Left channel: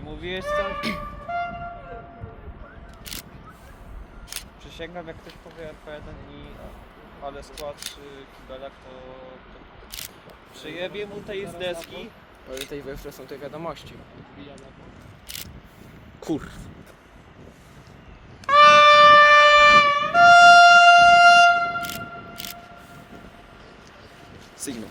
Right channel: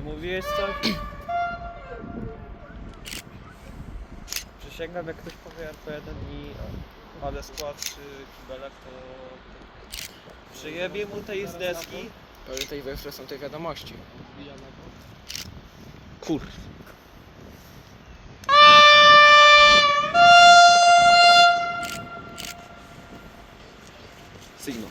Nie mówiłeś coś? Przysięgam, jak ktoś powie RP1 i ale skład czy kibelek, to, przyjebie mu tej z deski. Pamiętaj, we jeszcze są te wiadomości. Kur... Sygnał.